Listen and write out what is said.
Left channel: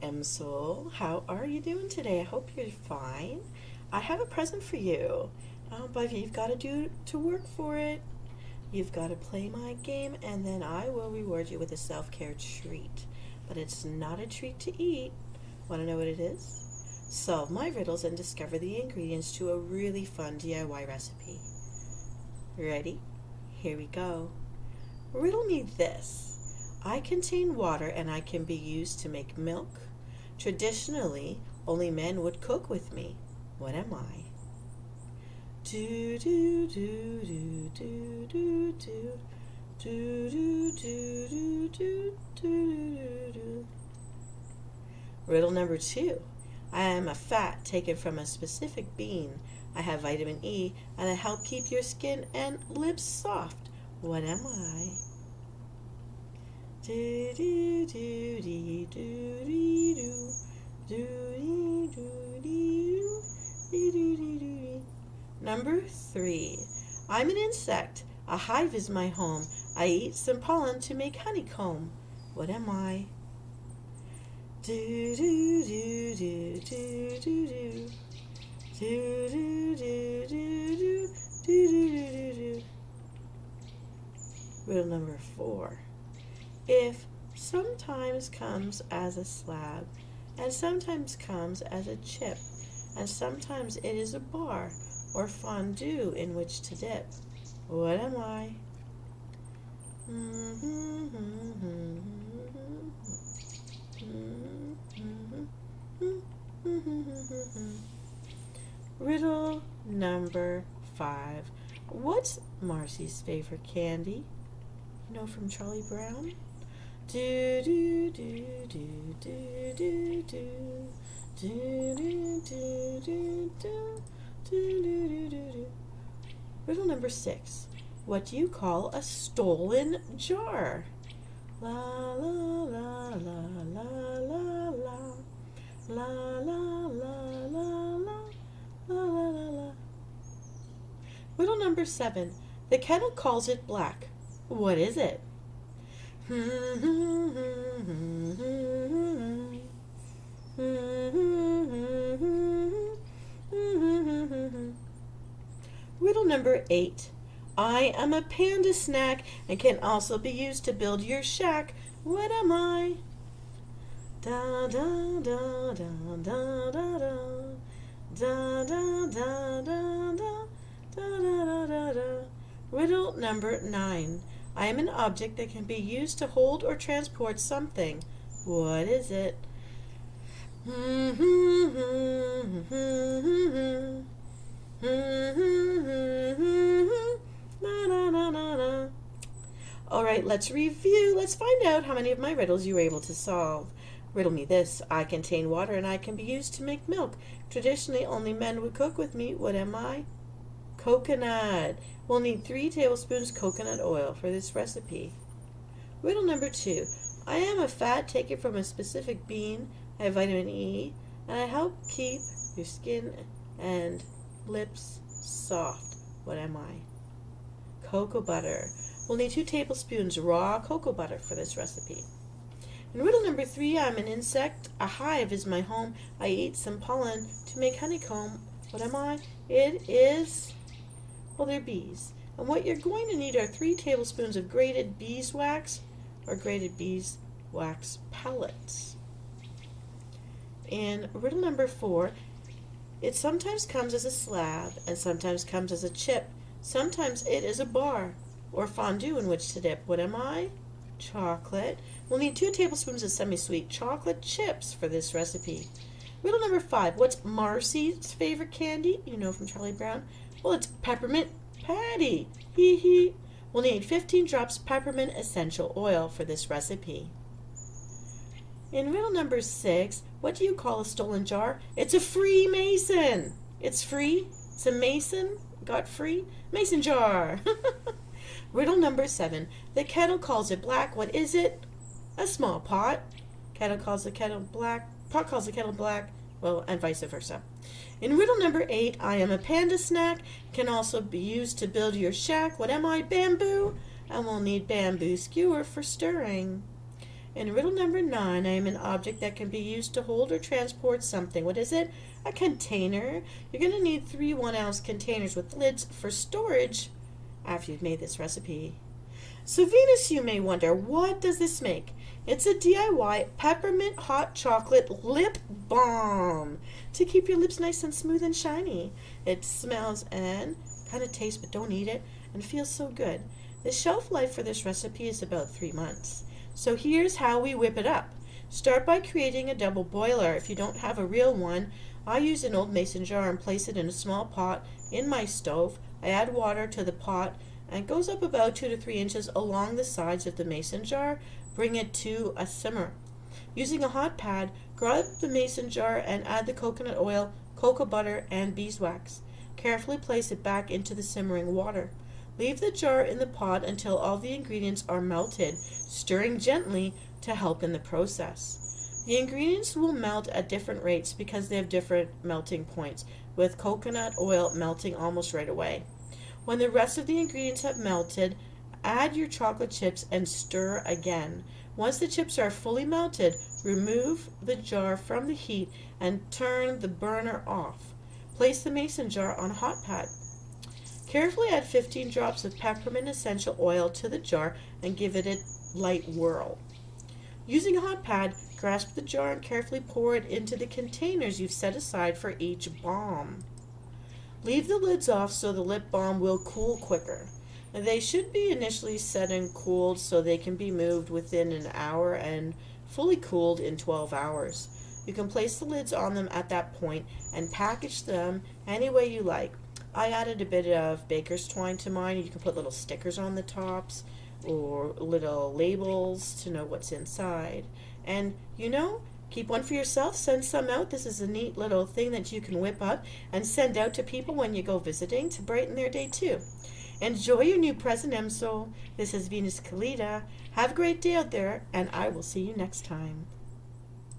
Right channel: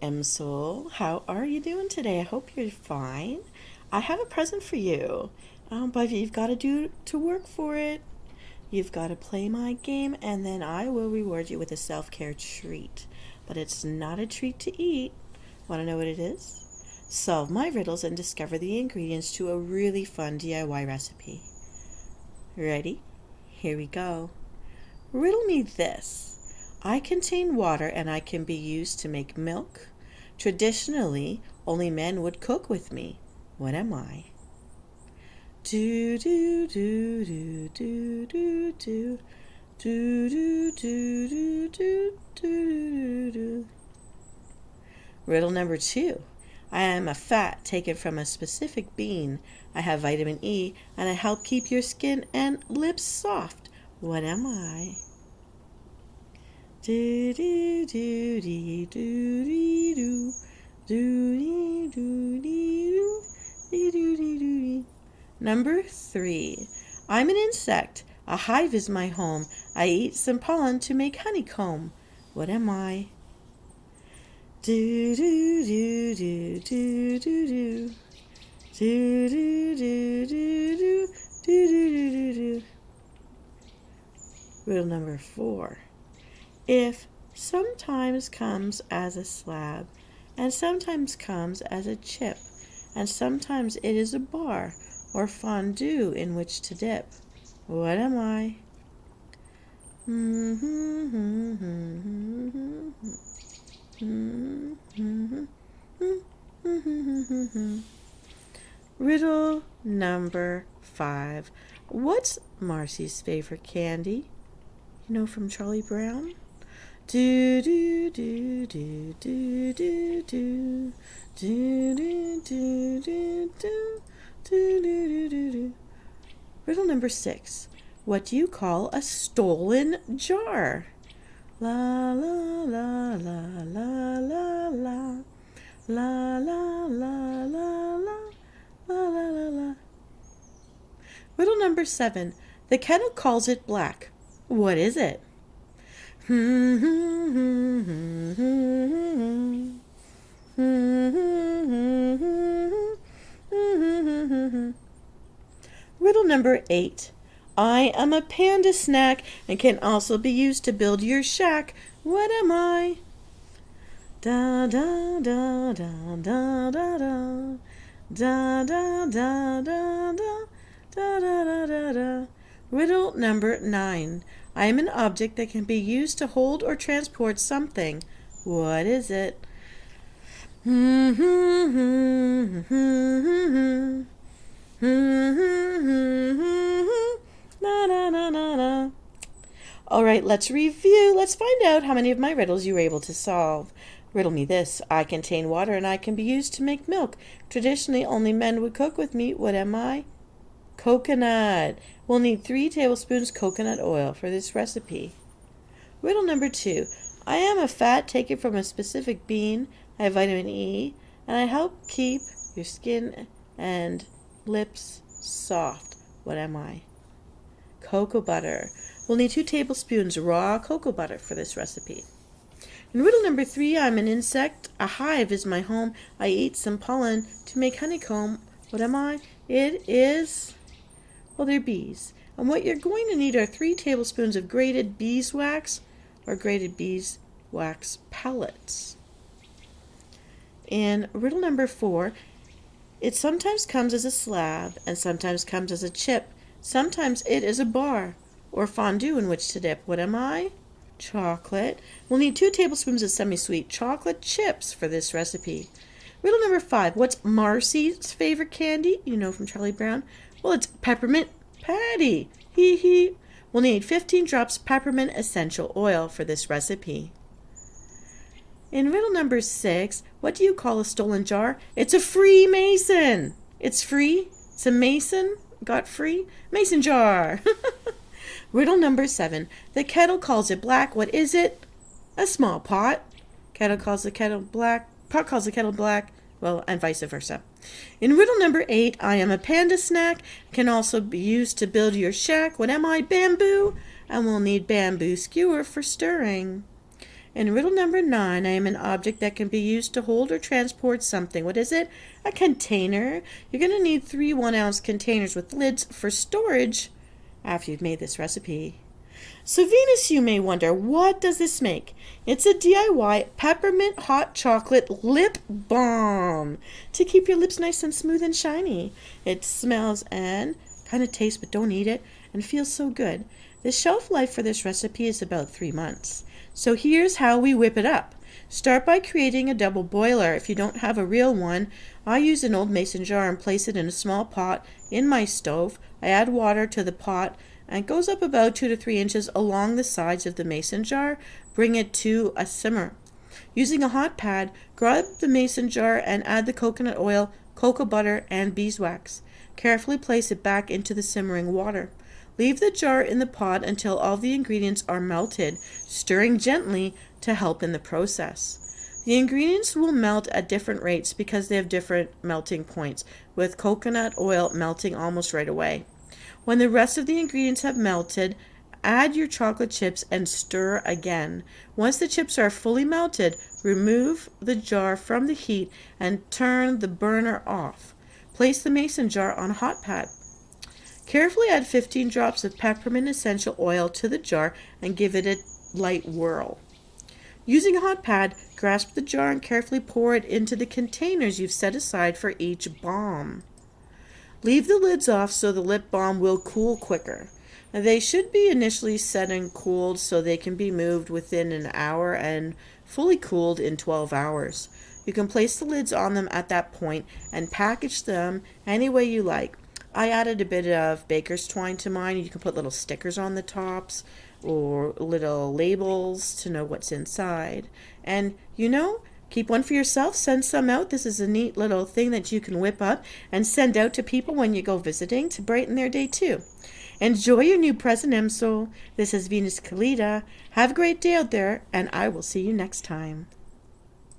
Msoul. How are you doing today? I hope you're fine. I have a present for you, but you've got to do to work for it. You've got to play my game, and then I will reward you with a self-care treat. But it's not a treat to eat. Want to know what it is? Solve my riddles and discover the ingredients to a really fun DIY recipe. Ready? Here we go. Riddle me this. I contain water and I can be used to make milk. Traditionally, only men would cook with me. What am I? Do do do do do do do do do do do do do. Riddle number 2. I am a fat taken from a specific bean. I have vitamin E and I help keep your skin and lips soft. What am I? Do do do do do do do do do do. Number 3. I'm an insect. A hive is my home. I eat some pollen to make honeycomb. What am I? Do do do do do do do do do do do do do do. Riddle number 4. If sometimes comes as a slab, and sometimes comes as a chip, and sometimes it is a bar or fondue in which to dip, what am I? Riddle number 5. What's Marcy's favorite candy? You know, from Charlie Brown? Do do do do do do do do do do do do do do do. Riddle number 6. What do you call a stolen jar? La la la la la la la la la la la la la la la. Riddle number 7. The kettle calls it black. What is it? Riddle number 8. I am a panda snack and can also be used to build your shack. What am I? Da da da da da da da da da da da da da da da. Riddle number 9. I am an object that can be used to hold or transport something. What is it? All right, let's review. Let's find out how many of my riddles you were able to solve. Riddle me this. I contain water and I can be used to make milk. Traditionally, only men would cook with me. What am I? Coconut. We'll need 3 tablespoons coconut oil for this recipe. Riddle number 2. I am a fat taken from a specific bean. I have vitamin E, and I help keep your skin and lips soft. What am I? Cocoa butter. We'll need 2 tablespoons raw cocoa butter for this recipe. In riddle number 3, I'm an insect. A hive is my home. I eat some pollen to make honeycomb. What am I? It is... well, they're bees. And what you're going to need are 3 tablespoons of grated beeswax or grated beeswax pellets. In riddle number 4, it sometimes comes as a slab and sometimes comes as a chip. Sometimes it is a bar or fondue in which to dip. What am I? Chocolate. We'll need 2 tablespoons of semi-sweet chocolate chips for this recipe. Riddle number 5. What's Marcy's favorite candy? You know, from Charlie Brown. Well, it's peppermint patty. Hee hee. We'll need 15 drops peppermint essential oil for this recipe. In riddle number 6, what do you call a stolen jar? It's a Freemason. It's free. It's a mason. Got free. Mason jar. Riddle number 7. The kettle calls it black. What is it? A small pot. Kettle calls the kettle black. Pot calls the kettle black. Well, and vice versa. In riddle number 8, I am a panda snack. Can also be used to build your shack. What am I? Bamboo. And we'll need bamboo skewer for stirring. In riddle number 9, I am an object that can be used to hold or transport something. What is it? A container. You're going to need 3 1-ounce containers with lids for storage after you've made this recipe. So Venus, you may wonder, what does this make? It's a DIY peppermint hot chocolate lip balm to keep your lips nice and smooth and shiny. It smells and kind of tastes, but don't eat it, and feels so good. The shelf life for this recipe is about 3 months. So here's how we whip it up. Start by creating a double boiler. If you don't have a real one, I use an old mason jar and place it in a small pot in my stove. I add water to the pot and it goes up about 2 to 3 inches along the sides of the mason jar. Bring it to a simmer. Using a hot pad, grab the mason jar and add the coconut oil, cocoa butter, and beeswax. Carefully place it back into the simmering water. Leave the jar in the pot until all the ingredients are melted, stirring gently to help in the process. The ingredients will melt at different rates because they have different melting points, with coconut oil melting almost right away. When the rest of the ingredients have melted, add your chocolate chips and stir again. Once the chips are fully melted, remove the jar from the heat and turn the burner off. Place the mason jar on a hot pad. Carefully add 15 drops of peppermint essential oil to the jar and give it a light whirl. Using a hot pad, grasp the jar and carefully pour it into the containers you've set aside for each balm. Leave the lids off so the lip balm will cool quicker. Now, they should be initially set and cooled so they can be moved within an hour and fully cooled in 12 hours. You can place the lids on them at that point and package them any way you like. I added a bit of baker's twine to mine. You can put little stickers on the tops or little labels to know what's inside. And keep one for yourself, send some out. This is a neat little thing that you can whip up and send out to people when you go visiting to brighten their day too. Enjoy your new present, Msoul. This is Venus Kalita. Have a great day out there, and I will see you next time.